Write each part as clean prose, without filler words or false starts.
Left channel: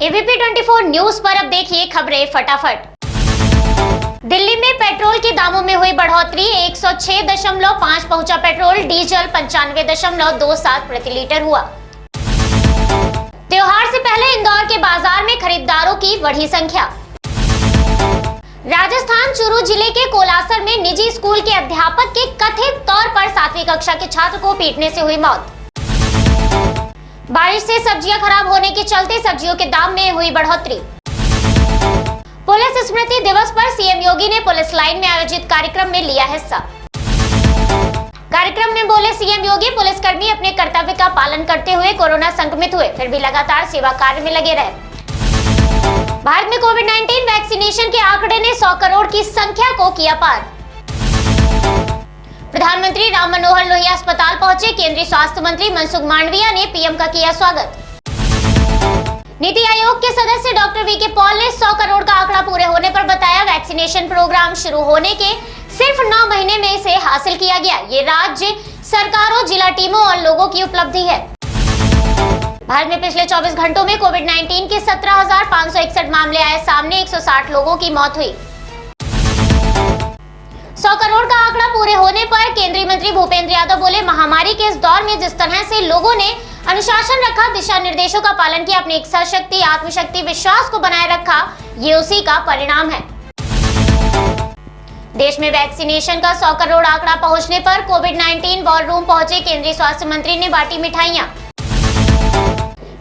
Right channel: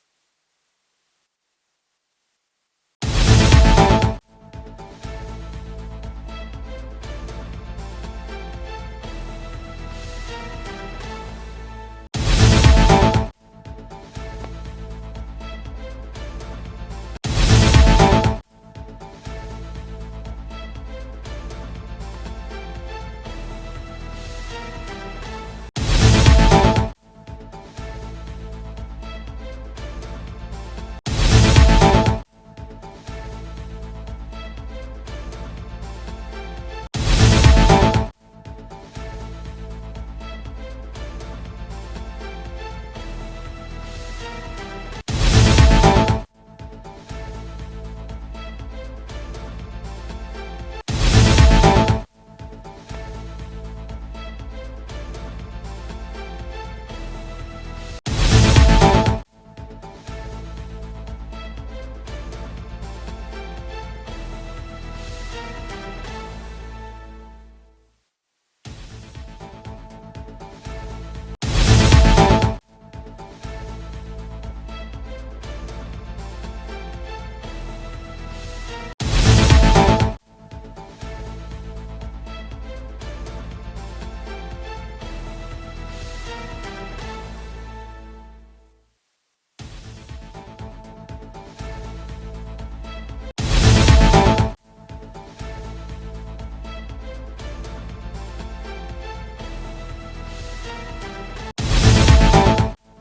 ABP 24 news पर अब देखिए खबरें फटाफट। दिल्ली में पेट्रोल के दामों में हुई बढ़ोतरी, 106.5 पहुंचा पेट्रोल, डीजल 95.27 प्रति लीटर हुआ। त्योहार से पहले इंदौर के बाजार में खरीदारों की बढ़ी संख्या। राजस्थान चूरू जिले के कोलासर में निजी स्कूल के अध्यापक के कथित तौर पर 7वीं कक्षा के छात्र को पीटने से हुई मौत। बारिश से सब्जियां खराब होने के चलते सब्जियों के दाम में हुई बढ़ोतरी। पुलिस स्मृति दिवस पर सीएम योगी ने पुलिस लाइन में आयोजित कार्यक्रम में लिया हिस्सा। कार्यक्रम में बोले सीएम योगी, पुलिसकर्मी अपने कर्तव्य का पालन करते हुए कोरोना संक्रमित हुए फिर भी लगातार सेवा कार्य में लगे रहे। भारत में कोविड-19 वैक्सीनेशन के आंकड़े ने 100 करोड़ की संख्या को किया पार। प्रधानमंत्री राम मनोहर लोहिया अस्पताल पहुंचे, केंद्रीय स्वास्थ्य मंत्री मनसुख मांडविया ने पीएम का किया स्वागत। नीति आयोग के सदस्य डॉक्टर वीके पॉल ने 100 करोड़ का आंकड़ा पूरे होने पर बताया, वैक्सीनेशन प्रोग्राम शुरू होने के सिर्फ 9 महीने में इसे हासिल किया गया। ये राज्य सरकारों, जिला टीमों और लोगों की उपलब्धि है। भारत में पिछले 24 घंटों में कोविड-19 के 17,561 मामले आए सामने, 160 लोगों की मौत हुई। 100 करोड़ का आंकड़ा पूरे होने पर केंद्रीय मंत्री भूपेंद्र यादव बोले, महामारी के इस दौर में जिस तरह से लोगों ने अनुशासन रखा, दिशा निर्देशों का पालन किया, अपनी इच्छा शक्ति, आत्मशक्ति, विश्वास को बनाए रखा, ये उसी का परिणाम है। देश में वैक्सीनेशन का 100 करोड़ आंकड़ा पहुंचने पर कोविड-19 वॉर रूम पहुंचे केंद्रीय स्वास्थ्य मंत्री ने बांटी मिठाइयां।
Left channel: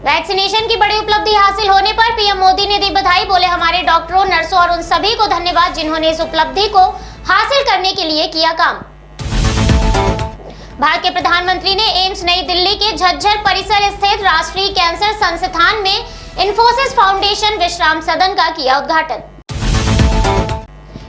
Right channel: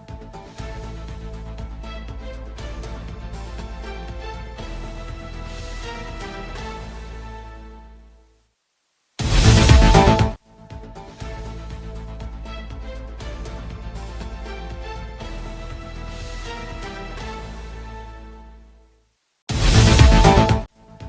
वैक्सीनेशन की बड़ी उपलब्धि हासिल होने पर पीएम मोदी ने दी बधाई, बोले हमारे डॉक्टरों, नर्सों और उन सभी को धन्यवाद जिन्होंने इस उपलब्धि को हासिल करने के लिए किया काम। भारत के प्रधानमंत्री ने एम्स नई दिल्ली के झज्जर परिसर स्थित राष्ट्रीय कैंसर संस्थान में इंफोसिस फाउंडेशन विश्राम सदन का किया उद्घाटन।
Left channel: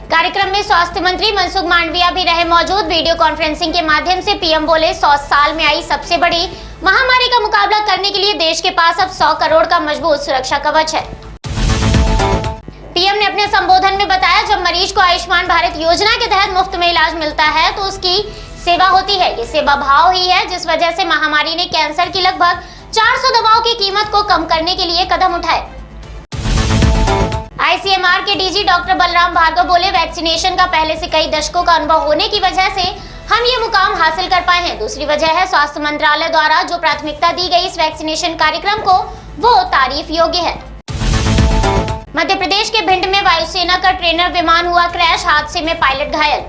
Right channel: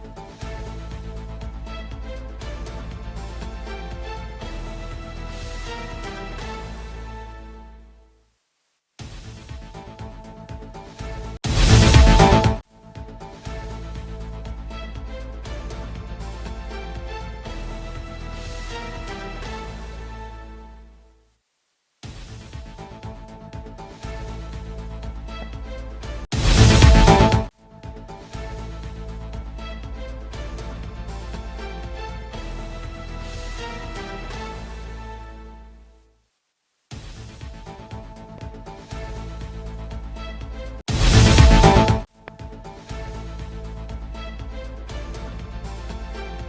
कार्यक्रम में स्वास्थ्य मंत्री मनसुख मांडविया भी रहे मौजूद। वीडियो कॉन्फ्रेंसिंग के माध्यम से पीएम बोले, 100 साल में आई सबसे बड़ी महामारी का मुकाबला करने के लिए देश के पास अब 100 करोड़ का मजबूत सुरक्षा कवच है। पीएम ने अपने संबोधन में बताया, जब मरीज को आयुष्मान भारत योजना के तहत मुफ्त में इलाज मिलता है तो उसकी सेवा होती है। ये सेवा भाव ही है जिस वजह से महामारी ने कैंसर की लगभग 400 दवाओं की कीमत को कम करने के लिए कदम उठाए। आईसीएमआर के डीजी डॉक्टर बलराम भार्गव बोले, वैक्सीनेशन का पहले से कई दशकों का अनुभव होने की वजह से हम ये मुकाम हासिल कर पाए हैं। दूसरी वजह है स्वास्थ्य मंत्रालय द्वारा जो प्राथमिकता दी गई इस वैक्सीनेशन कार्यक्रम को, वो तारीफ योग्य है। मध्य प्रदेश के भिंड में वायुसेना का ट्रेनर विमान हुआ क्रैश, हादसे में पायलट घायल।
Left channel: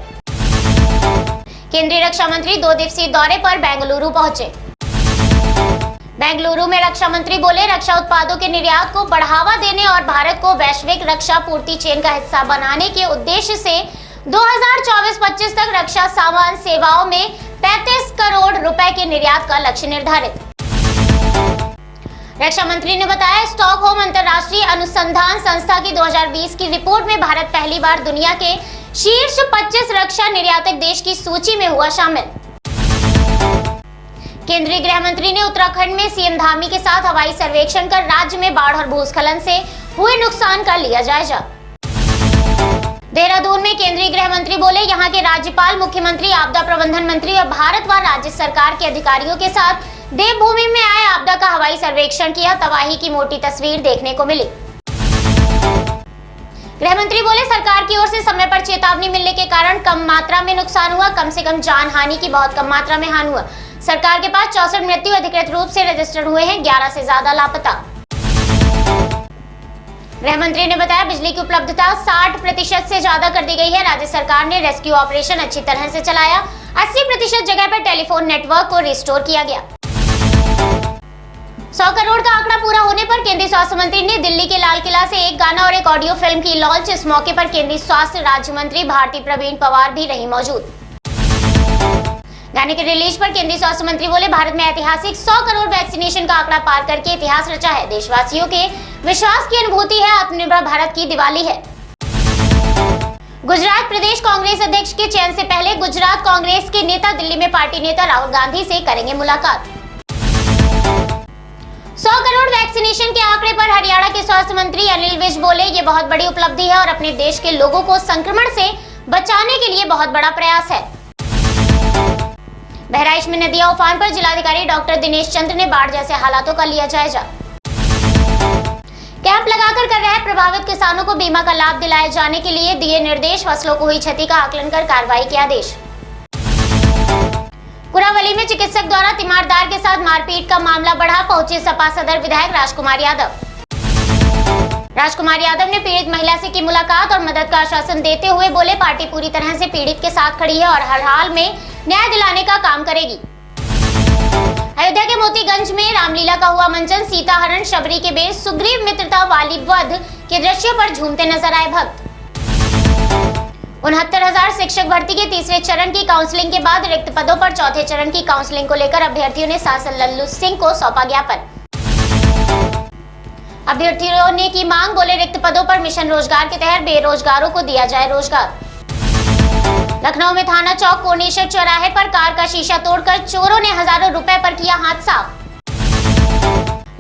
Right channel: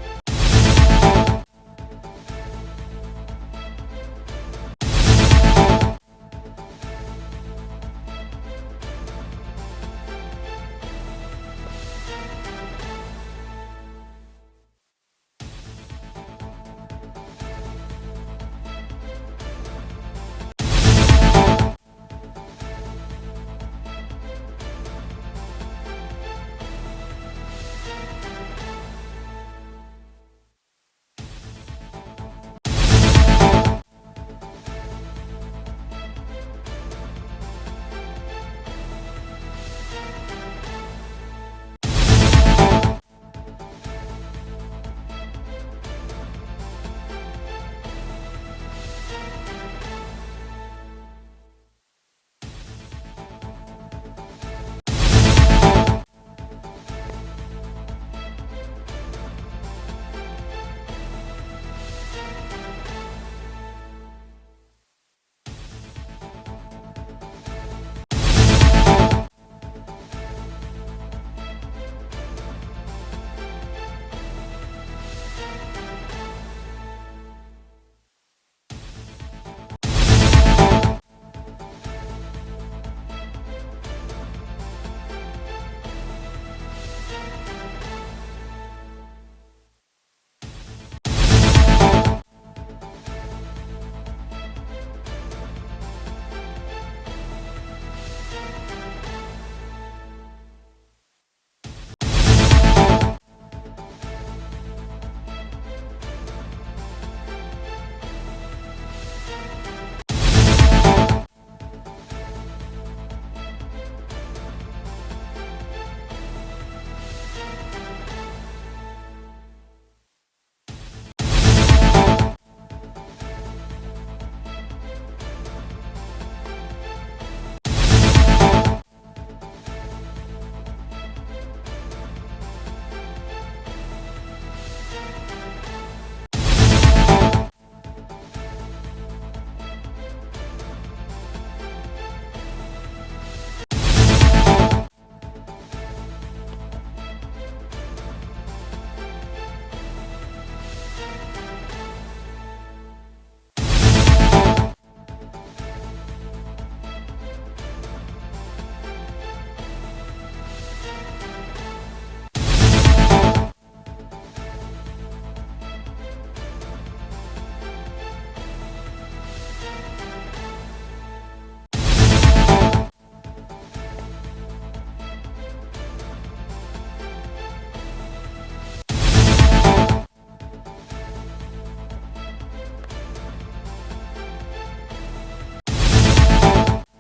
केंद्रीय रक्षा मंत्री 2 दिवसीय दौरे पर बेंगलुरु पहुंचे। बेंगलुरु में रक्षा मंत्री बोले, रक्षा उत्पादों के निर्यात को बढ़ावा देने और भारत को वैश्विक रक्षा पूर्ति चेन का हिस्सा बनाने के उद्देश्य से 2024-25 तक रक्षा सामान सेवाओं में 35 करोड़ रुपए के निर्यात का लक्ष्य निर्धारित। रक्षा मंत्री ने बताया, स्टॉकहोम अंतर्राष्ट्रीय अनुसंधान संस्था की 2020 की रिपोर्ट में भारत पहली बार दुनिया के शीर्ष 25 रक्षा निर्यातक देश की सूची में हुआ शामिल। केंद्रीय गृह मंत्री ने उत्तराखंड में सीएम धामी के साथ हवाई सर्वेक्षण कर राज्य में बाढ़ और भूस्खलन से हुए नुकसान का लिया जायजा। देहरादून में केंद्रीय गृह मंत्री बोले, यहाँ के राज्यपाल, मुख्यमंत्री, आपदा प्रबंधन मंत्री और भारत व राज्य सरकार के अधिकारियों के साथ देवभूमि में आए आपदा का हवाई सर्वेक्षण किया, तबाही की मोटी तस्वीर देखने को मिली। गृह मंत्री बोले, सरकार की ओर से समय पर चेतावनी मिलने के कारण कम मात्रा में नुकसान हुआ, कम से कम जान हानि की बहुत कम मात्रा में हानि हुआ। सरकार के पास 64 मृत्यु अधिकृत रूप से रजिस्टर हुए हैं, 11 से ज्यादा लापता। गृह मंत्री ने बताया, बिजली की उपलब्धता 60% से ज्यादा कर दी गई है। राज्य सरकार ने रेस्क्यू ऑपरेशन अच्छी तरह से चलाया, 80% जगह पर टेलीफोन नेटवर्क को रिस्टोर किया गया। 100 करोड़ का आंकड़ा पूरा होने पर केंद्रीय स्वास्थ्य मंत्री ने दिल्ली के लाल किला से एक गाना और एक ऑडियो फिल्म की लॉन्च। इस मौके पर केंद्रीय स्वास्थ्य राज्य मंत्री भारती प्रवीण पवार भी रही मौजूद। गाने के रिलीज पर केंद्रीय स्वास्थ्य मंत्री बोले, भारत में ऐतिहासिक 100 करोड़ वैक्सीनेशन का आंकड़ा पार करके इतिहास रचा है। देशवासियों के विश्वास की अनुभूति है, आत्मनिर्भर भारत की दिवाली है। गुजरात प्रदेश कांग्रेस अध्यक्ष के चयन से पहले गुजरात कांग्रेस के नेता दिल्ली में पार्टी नेता राहुल गांधी से करेंगे मुलाकात। 100 करोड़ वैक्सीनेशन के आंकड़े पर हरियाणा के स्वास्थ्य मंत्री अनिल विज बोले, ये बहुत बड़ी उपलब्धि है और अपने देश के लोगों को संक्रमण से बचाने के लिए बहुत बड़ा प्रयास है। बहराइच में नदियां उफान पर, जिलाधिकारी डॉक्टर दिनेश चंद्र ने बाढ़ जैसे हालातों का लिया जायजा। आकर कर रहे प्रभावित किसानों को बीमा का लाभ दिलाए जाने के लिए दिए निर्देश, फसलों को हुई क्षति का आकलन कर कार्रवाई के आदेश। कुरावली में चिकित्सक द्वारा तीमारदार के साथ मारपीट का मामला बढ़ा, पहुंचे सपा सदर विधायक राजकुमार यादव। राजकुमार यादव ने पीड़ित महिला से की मुलाकात और मदद का आश्वासन देते हुए बोले, पार्टी पूरी तरह से पीड़ित के साथ खड़ी है और हर हाल में न्याय दिलाने का काम करेगी। अयोध्या के मोतीगंज में रामलीला का हुआ मंचन, सीता हरण, शबरी के बेर, सुग्रीव मित्रता वाली वध के दृश्यों पर झूमते नजर आए भक्त। 69,000 शिक्षक भर्ती के तीसरे चरण की काउंसलिंग के बाद रिक्त पदों पर चौथे चरण की काउंसलिंग को लेकर अभ्यर्थियों ने सांसद लल्लू सिंह को सौंपा ज्ञापन। अभ्यर्थियों ने की मांग, बोले रिक्त पदों पर मिशन रोजगार के तहत बेरोजगारों को दिया जाए रोजगार। लखनऊ में थाना चौक कोनेश्वर चौराहे पर कार का शीशा तोड़कर चोरों ने हजारों रुपए पर किया हाथ साफ।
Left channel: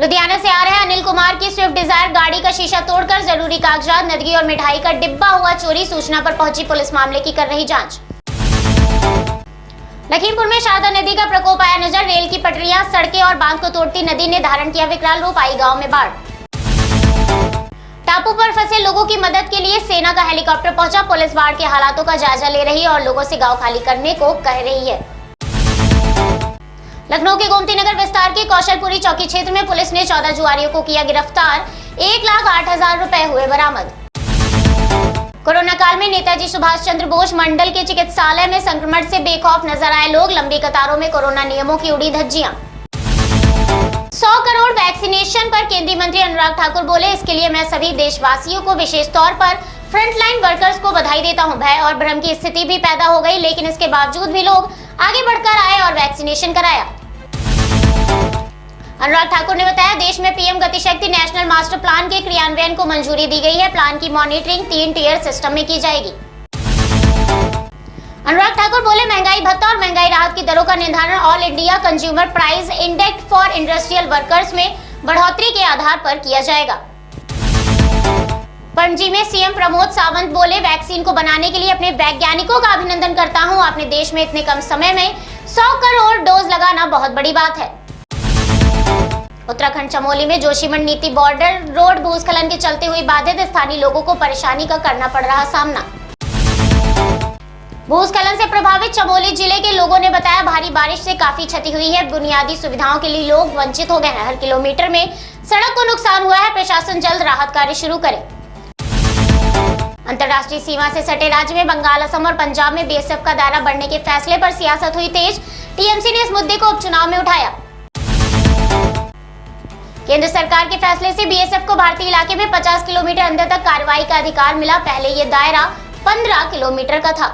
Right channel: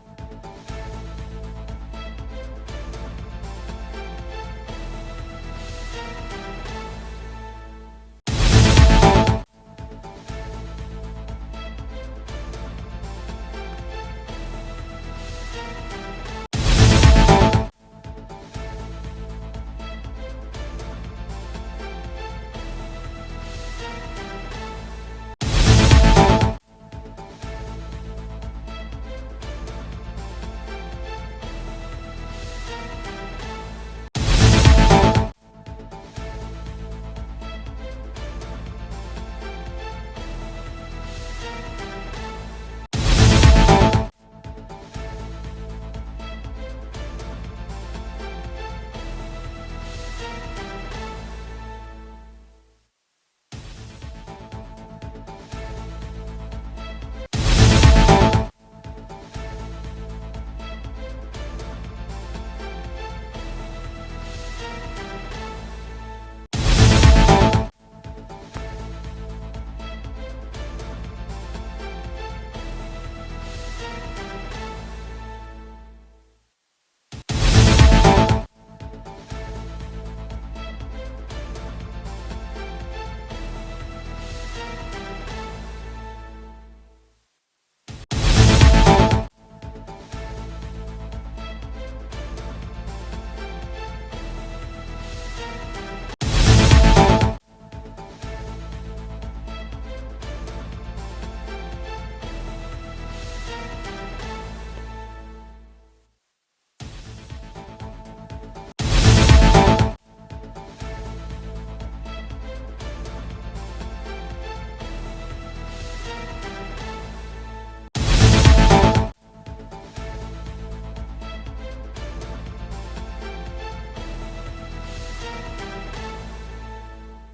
लुधियाना से आ रहे अनिल कुमार की स्विफ्ट डिजायर गाड़ी का शीशा तोड़कर जरूरी कागजात, नदगी और मिठाई का डिब्बा हुआ चोरी, सूचना पर पहुंची पुलिस मामले की कर रही जांच। लखीमपुर में शारदा नदी का प्रकोप आया नजर, रेल की पटरियां, सड़कें और बांध को तोड़ती नदी ने धारण किया विकराल रूप, आई गांव में बाढ़। टापू पर फंसे लोगों की मदद के लिए सेना का हेलीकॉप्टर पहुंचा, पुलिस बाढ़ के हालातों का जायजा ले रही है और लोगों से गांव खाली करने को कह रही है। लखनऊ के गोमती नगर विस्तार के कौशलपुरी चौकी क्षेत्र में पुलिस ने 14 जुआरियों को किया गिरफ्तार, 1,08,000 रुपए हुए बरामद। कोरोना काल में नेताजी सुभाष चंद्र बोस मंडल के चिकित्सालय में संक्रमण से बेखौफ नजर आए लोग, लंबी कतारों में कोरोना नियमों की उड़ी धज्जियां। 100 करोड़ वैक्सीनेशन पर केंद्रीय मंत्री अनुराग ठाकुर बोले, इसके लिए मैं सभी देशवासियों को विशेष तौर पर फ्रंटलाइन वर्कर्स को बधाई देता हूं। भय और भ्रम की स्थिति भी पैदा हो गई, लेकिन इसके बावजूद भी लोग आगे बढ़कर आए और वैक्सीनेशन कराया। अनुराग ठाकुर ने बताया, देश में PM Gati Shakti national master plan के क्रियान्वयन को मंजूरी दी गई है। प्लान की मॉनिटरिंग 3 टियर सिस्टम में की जाएगी। अनुराग ठाकुर बोले, महंगाई भत्ता और महंगाई राहत की दरों का निर्धारण all India consumer price index for industrial workers में बढ़ोतरी के आधार पर किया जाएगा। पणजी में सीएम प्रमोद सावंत बोले, वैक्सीन को बनाने के लिए अपने वैज्ञानिकों का अभिनंदन करता हूं। अपने देश में इतने कम समय में 100 करोड़ डोज लगाना बहुत बड़ी बात है। उत्तराखंड चमोली में जोशीमठ नीति बॉर्डर रोड भूस्खलन के चलते हुई बाधित, स्थानीय लोगों को परेशानी का करना पड़ रहा सामना। भूस्खलन से प्रभावित चमोली जिले के लोगों ने बताया, भारी बारिश से काफी क्षति हुई है, बुनियादी सुविधाओं के लिए लोग वंचित हो गए हैं। हर किलोमीटर में सड़क को नुकसान हुआ है, प्रशासन जल्द राहत कार्य शुरू करे। अंतर्राष्ट्रीय सीमा से सटे राज्य में बंगाल, असम और पंजाब में बीएसएफ का दायरा बढ़ने के फैसले पर सियासत हुई तेज, टीएमसी ने इस मुद्दे को उपचुनाव में उठाया। केंद्र सरकार के फैसले से बीएसएफ को भारतीय इलाके में 50 किलोमीटर अंदर तक कार्रवाई का अधिकार मिला, पहले ये दायरा 15 किलोमीटर का था।